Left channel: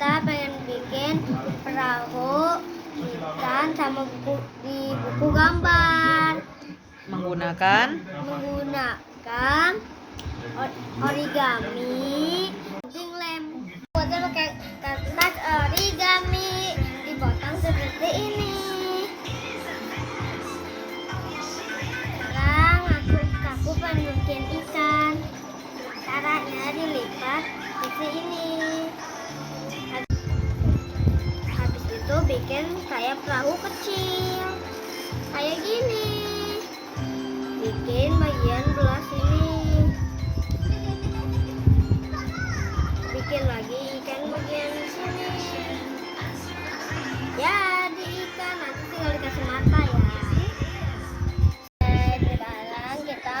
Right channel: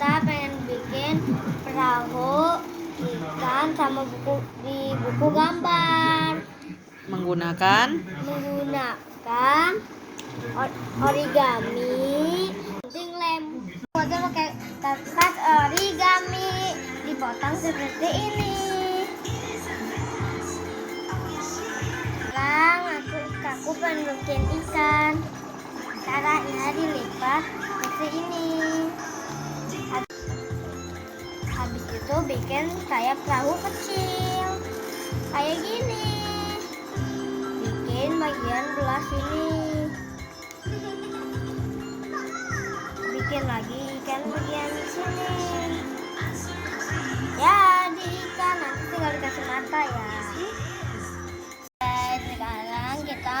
kita pengen bikin perahu ikan sama buku gambar menggunakan origami, gunting lem. Kita pakai kertas origami dipotong seperti ini. Sekarang aku pengen bikin ikan. Caranya dilipat seperti ini. Habis itu bikin kayak perahu kecil kayak gini. Bikin bagian belah sini. Bikin lagi ikan bagian sini. Jadi ikan, nanti tinggal dikasih mata ya. Sekarang kita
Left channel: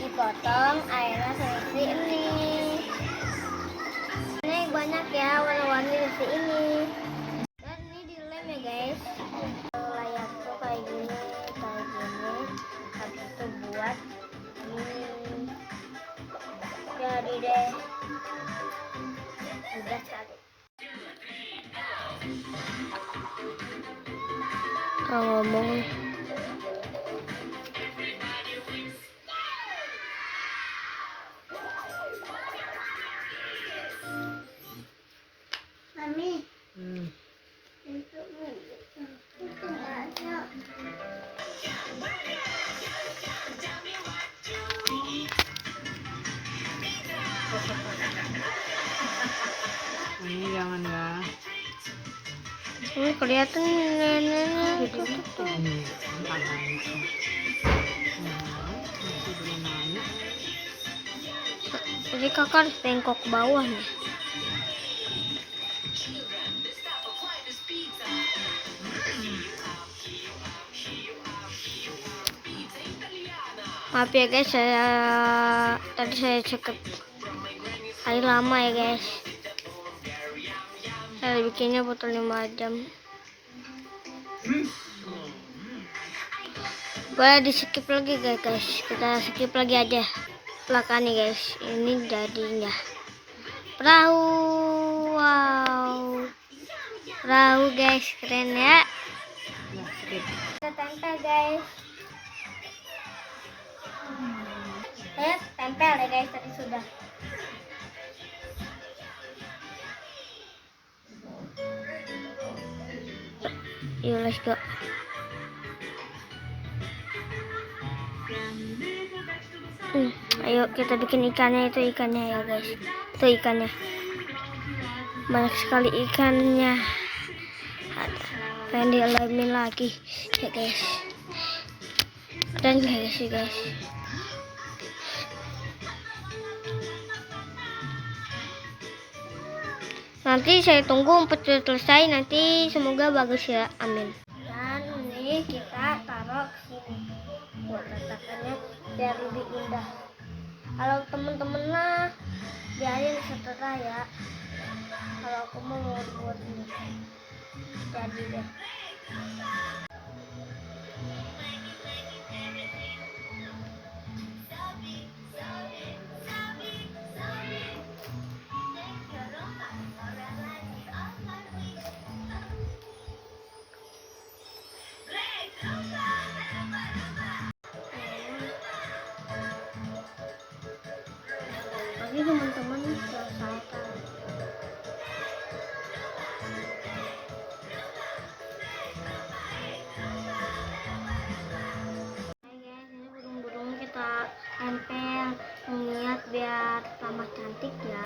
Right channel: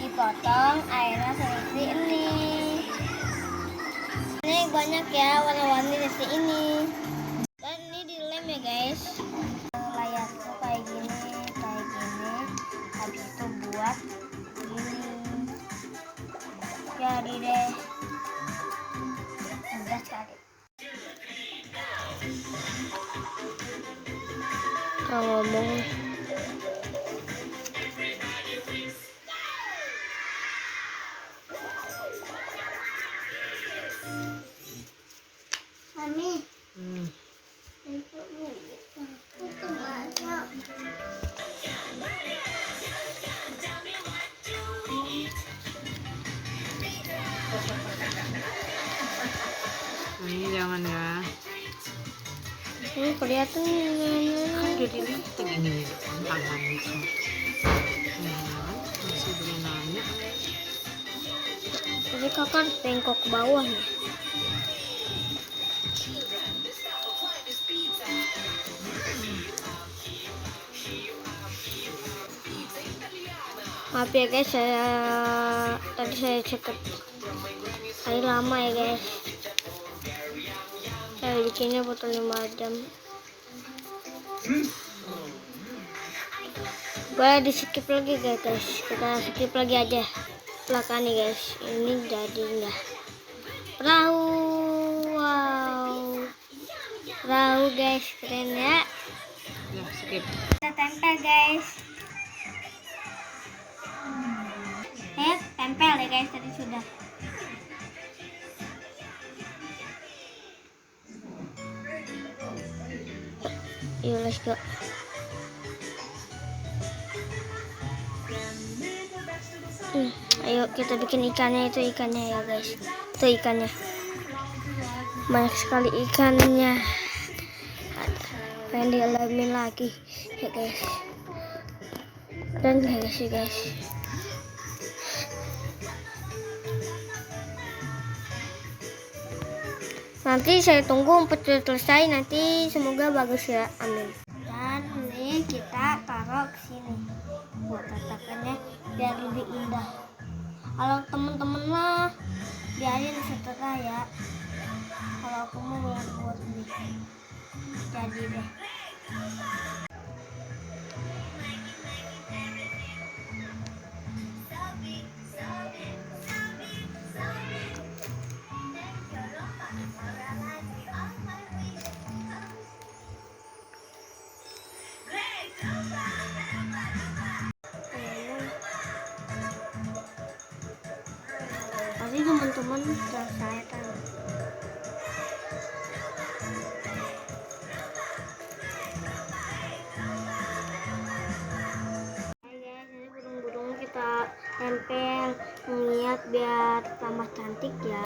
dipotong airnya seperti ini. Ini banyak ya warna-warni seperti ini. Dan ini dilem ya guys. Layarku kayak gini. Habis itu buat ini. Jadi deh. Mudah sekali. Kalau ngomong Mami. Ini jangan ya. Ini kelihatan Jadi ini tangan itu. Masih belum nanya. Jadi kakak bengkok ke bawah nih. Maaf ya guys, tadi saya ceket air lama ya guys. Saya bikinnya butuh 5 jam. Boleh di skip lagi guys. Kita skip lagi aja belakangnya guys. Ini jadinya perahu. Wow, perahu guys, keren ya. Ya, skip. Kita tempel guys. Tempel ya guys, tadi sudah. Yuk let's go. Ayo kita bikin ikannya, itu ikannya ya guys. Itu ikannya. Banyak sekali ikannya. Pengen dialamin lagi ya guys. Dan guys ya guys. Nanti saya tunggu sampai selesai, nanti semoga bagus ya, amin. Dan ini kita taruh ke sini buat tatakannya biar lebih indah. Kalau temen-temen mah biarin setelah ya. Kalau aku mau buat ini jadi deh. Tadi teman-teman sudah saya taruh. Guys, ini burung-burung kita tempel niat biar tambah cantik ya.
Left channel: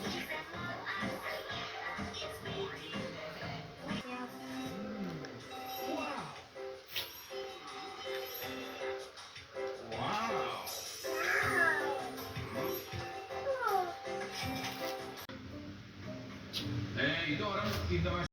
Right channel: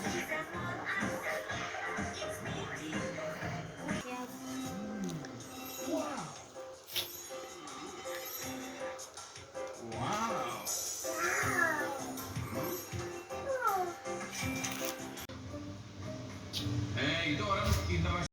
Itu orang